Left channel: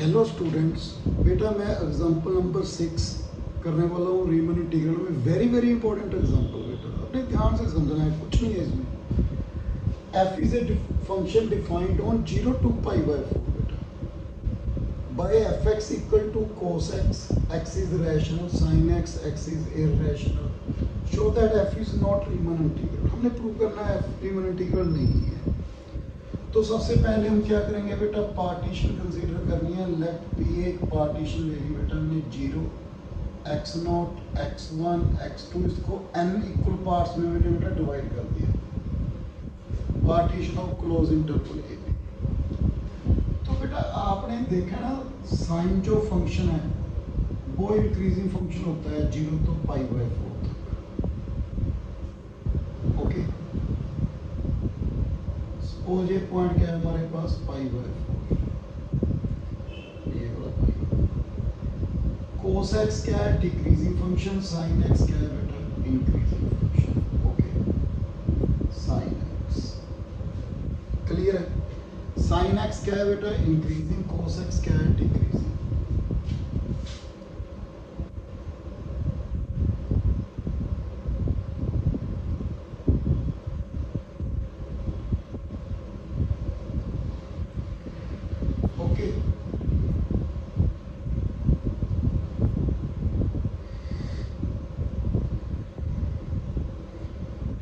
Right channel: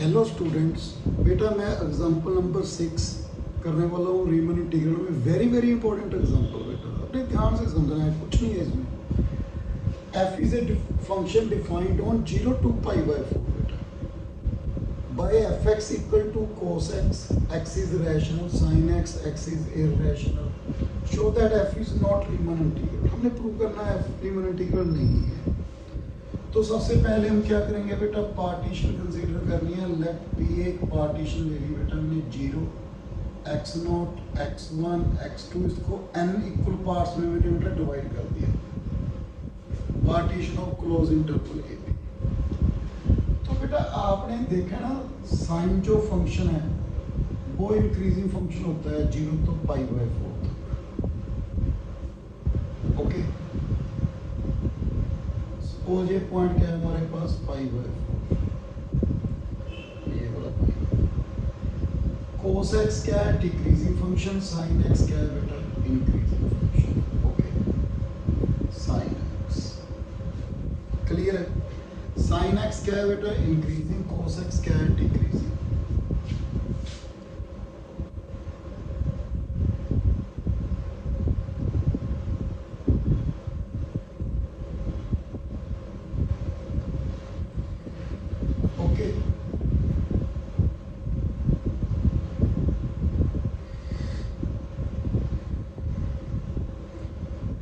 Hello students, बेटा मैं example number 6 करने वाला हूँ रीमन इंटीग्रल में। वेरी इंपॉर्टेंट एग्जांपल बेटा, अपने ध्यान से समझना है, कुछ नहीं है इसमें। f is a function defined on 0 to pi by 4 बेटा by fx equal to cos x, x is rational, sin x, x is irrational, show that f is not Riemann integral. हमने प्रूव करना है f रीमन integral नहीं है। तो सबसे पहले हम क्या करेंगे बेटा, पार्टीशन कंसीडर करनी है। लेफ्ट भी एक पार्टीशन ले ली बेटा हमने 0, x0, x1, x2, इसको n इक्वल पार्ट्स में मैंने बेटा डिवाइड कर दिया। पार्टीशन ऑफ क्लोज इंटरवल ये भी। तो बेटा आपने देखा ना, साइन जो फंक्शन है वो इंक्रीजिंग फंक्शन होता है 0 to pi by 4 तक। ओके, सपोज ये पॉइंट क्या है हमारे पास, पाई बाय 4, ये वाला पाई। कोस एक्स क्या है, डिक्रीजिंग फंक्शन। साइन एक्स क्या है बेटा, increasing function. Okay, sine x clear है। साइन एक्स क्या है बेटा, इंक्रीजिंग। कोस एक्स क्या है, डिक्रीजिंग।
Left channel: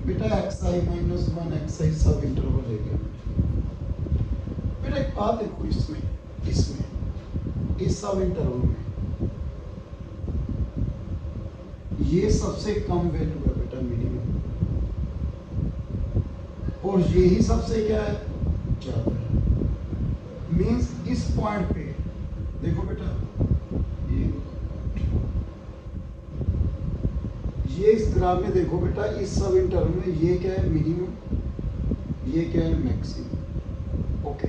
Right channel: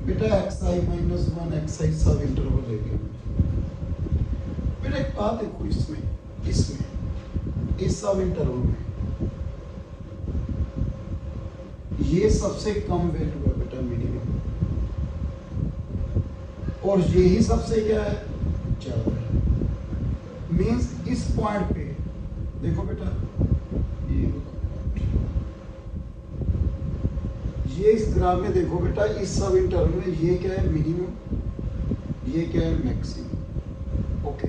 बेटा xi माइनस 1 xi सब इंटरवल ले लिया। बेटा एक बात देखो, इसमें इस सब इंटरवल में ये सबसे कम वैल्यू है बेटा, मिनिमम, और यही सबसे क्या है, ज्यादा है। मींस इस पॉइंट पे देखो बेटा, ये इस ग्राफ में देखो बेटा, इस सब इंटरवल में ये क्या है, मिनिमम, ये क्या है, मैक्सिमम। ओके,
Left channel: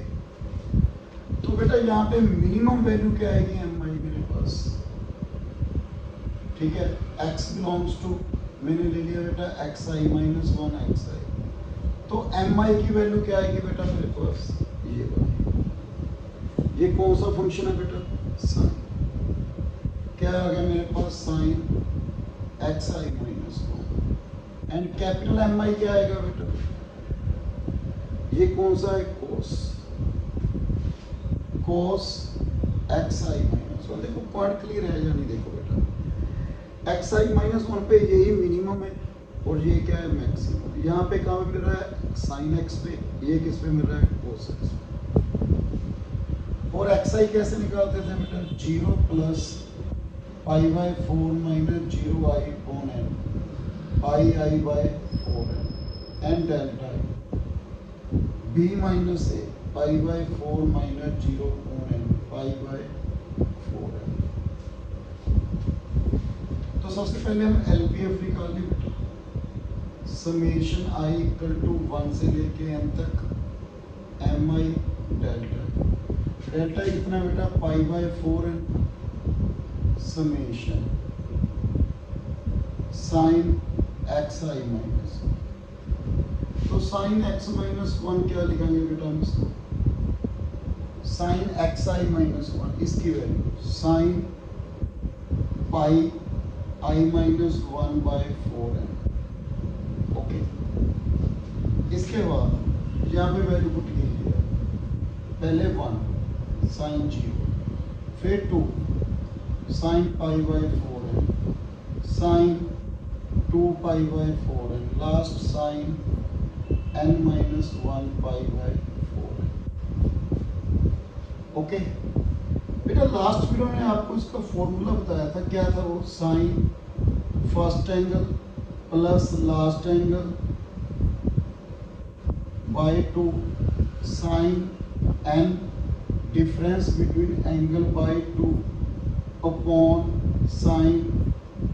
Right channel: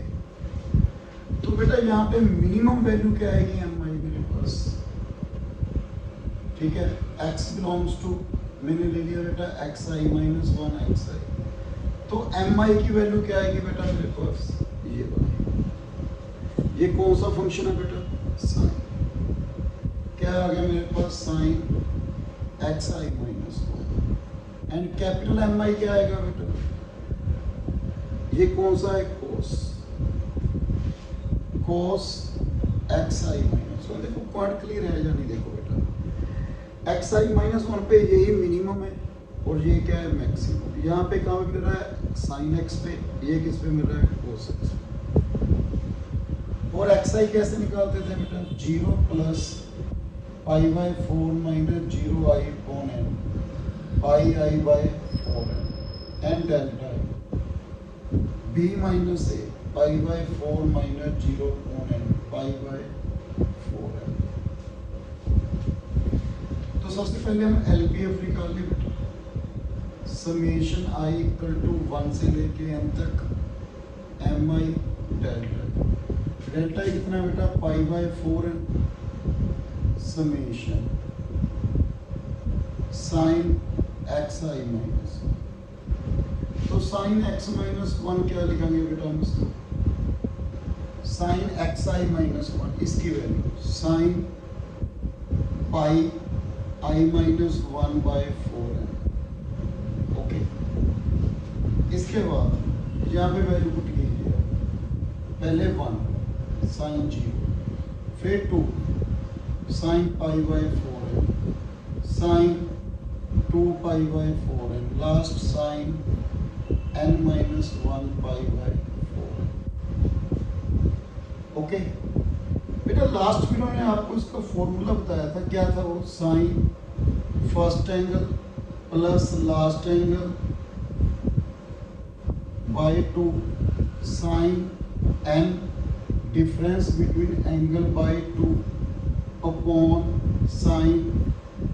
तो बेटा यहाँ पे मिनिमम वैल्यू क्या आएगी, एम आई मेरे पास, ठीक है। x बिलोंग्स टू, मैंने ले लिया बेटा एक्स आई माइनस 1 एक्स आई, तो एम आई की वैल्यू क्या आएगी बेटा मेरे पास, ये वाला। ये कौन सा फंक्शन है बेटा, साइन। क्या आ गया मेरे पास, sine x I minus 1, and capital M i क्या आएगा बेटा, ये कौन सा है, कोस एक्स आई माइनस 1। देखो पॉइंट क्लियर है या नहीं, देखो बेटा एक्स आई माइनस 1 पे यही मिनिमम है और ये क्या है, मैक्सिमम। यहाँ पे कहाँ मिल रहा है, साइन एक्स पे, ये किस पे मिल रहा है, कोस एक्स पे। और एक्स आई कैसे निकालते थे बेटा, 0 plus pi by 4 minus 0 I upon n, pi I by 4 n delta I, B minus A pi by 4 minus 0 upon n, pi by 4 n. तो सबसे पहले हम एलपीएफ निकाल लें बेटा। समेशन आई इक्वल टू 1 से लेके एन तक, एम आई डेल्टा कितना बेटा, pi by 4 n, summation sine x I minus. तो साइन एक्स माइनस 1 क्या लिखेंगे बेटा हम इसको, साइन एक्स आई माइनस 1, इसकी वैल्यू साइन पाई आई माइनस 1 बाय 4 है। ओके, इसके बाद यहाँ पे वैल्यू पुट कीजिए, पहले 1 साइन 0, फिर 2 साइन पाई बाय 4 है, साइन 2 पाई बाय 4 है, last sine n minus 1 pi by 4 है। ओके बेटा, लास्ट वीडियो में आपको इसका फॉर्मूला बताया था, क्या था वो, sine first angle plus last angle by 2 sine n difference between angle by 2 upon sine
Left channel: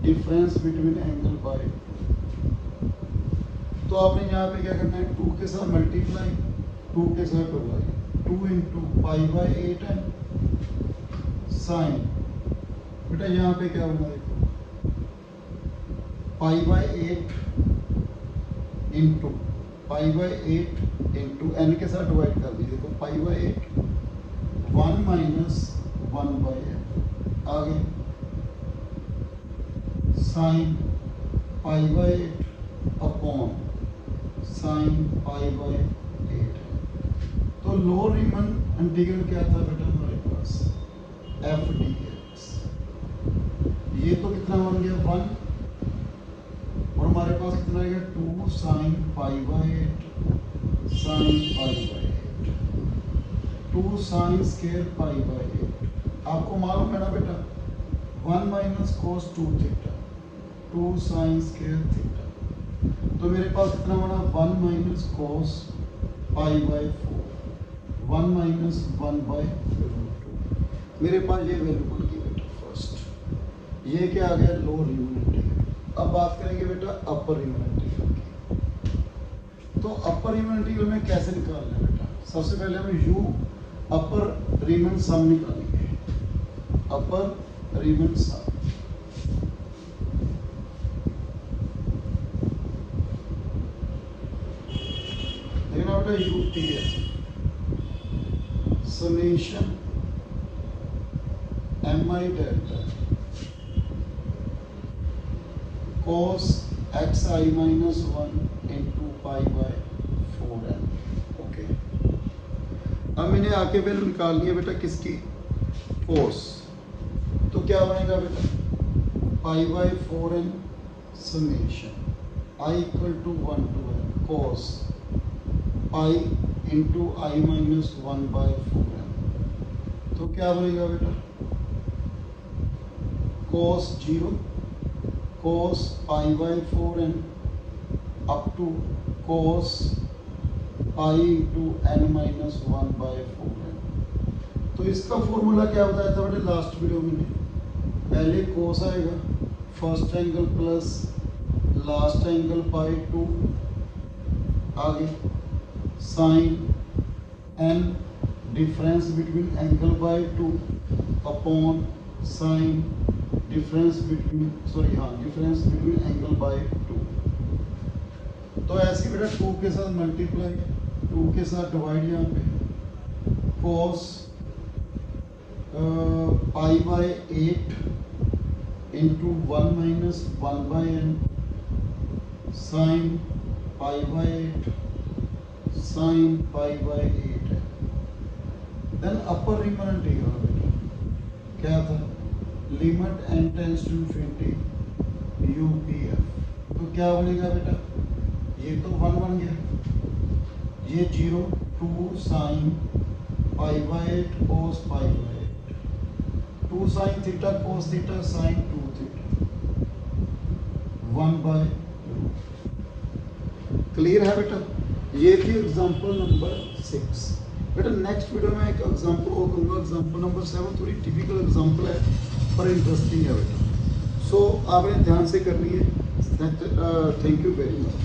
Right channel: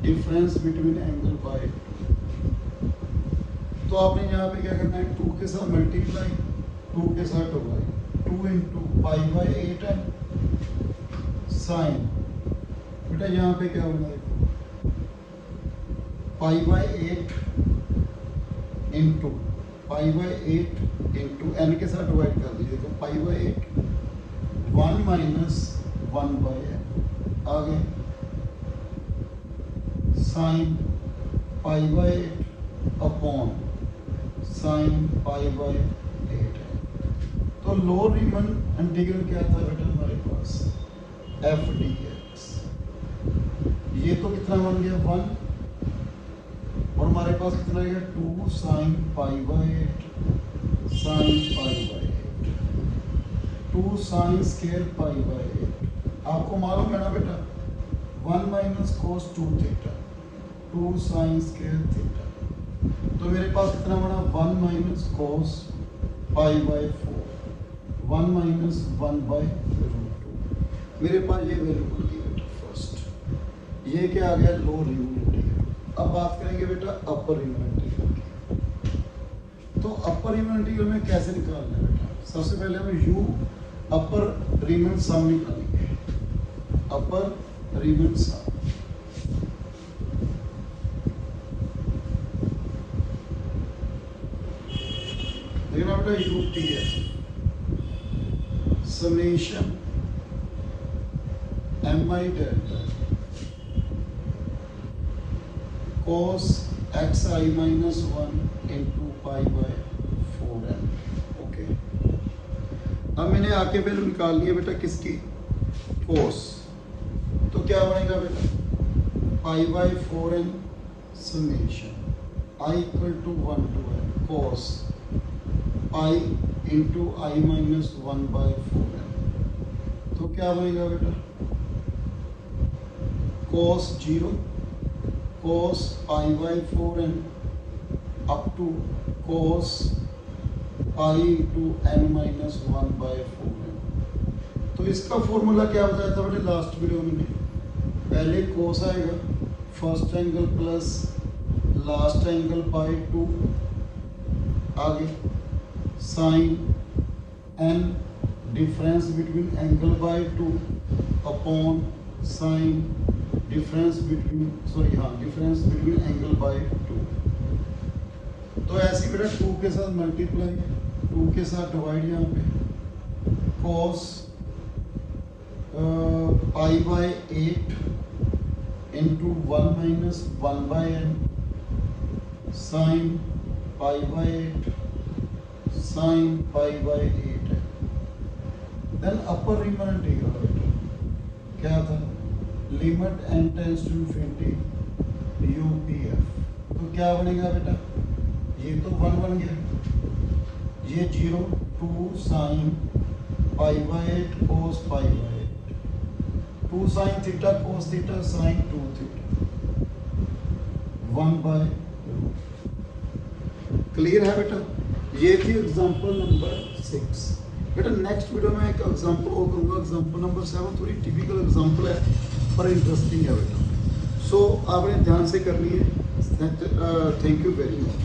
difference between angle by 2। तो आपने यहाँ पे क्या करना है, 2 के साथ मल्टीप्लाई, 2 के साथ डिवाइड, 2 इंटू पाई बाय 8 है साइन। बेटा यहाँ पे क्या होगा, देखो pi by 8 into pi by 8 into n के साथ डिवाइड कर दीजिए, देखो पाई बाय 8 1 माइनस 1/n आगे साइन π/8 अपॉन साइन π/8 है। तो लोअर रीमन इंटीग्रल क्या था बेटा हमारे पास एफ डी एक्स, ये तो कितना बन गया 1 और हमारे पास कितना गया 2 साइन π/8 साइन π/8 2 साइन स्केयर π/8। आपको मालूम है ना बेटा 1 minus cos 2 theta 2 sine square theta, तो मेरे पास कितना बना 1 माइनस कोस π/4 1 माइनस 1/√2। मेरे पास ये वैल्यू बन गई बेटा फर्स्ट। ये क्या आ गया लोअर रीमन इंटीग्रल। अब बात करेंगे बेटा अपर रीमन इंटीग्रल की। तो अपर रीमन इंटीग्रल में कैसे निकालना है बेटा, सबसे पहले हमें यू अपर रीमन सम निकालेंगे। अपर रीमन सम देखना बेटा यू टी है summation M i delta cos xi minus 1 into π/4n। Okay, अब मैंने आके वैल्यू निकाल ली है बेटा किसकी cos, तो क्या बनेगा बेटा π/4n समेशन i equal to 1 to n cos pi into i minus 1/4n। तो क्या बनेगा बेटा cos 0 cos π/4n up to cos pi into n minus 1/4n। तो इसका फॉर्मूला क्या बताया था बेटे लास्ट वीडियो में, पहले cos आएगा first angle plus last angle /2 आगे sine n difference between angle /2 upon sine difference between difference between angle /2। तो ऐसे बेटा 2 के साथ मल्टीप्लाई 2 के साथ डिवाइड यहाँ पे cos π/8 into 1 minus 1/n sine π/8 sine π/8 है। देन अपर रीमन इंटीग्रल बेटा क्या था limit n tends to infinity U P F. तो क्या बनेगा बेटा ये तो 1 बन गया, ये 0 2 sine π/8 cos π/8 2 sine theta cos theta sine 2 theta 1/√। Clear है बेटा, ये थी एग्जांपल नंबर 6। बेटा नेक्स्ट वीडियो में एक एग्जांपल और करूंगा, एग्जांपल नंबर 7 थोड़ी टिपिकल एग्जांपल है पर इंटरेस्टिंग है बेटा, सो आपने ध्यान से करनी है। Thank you very much.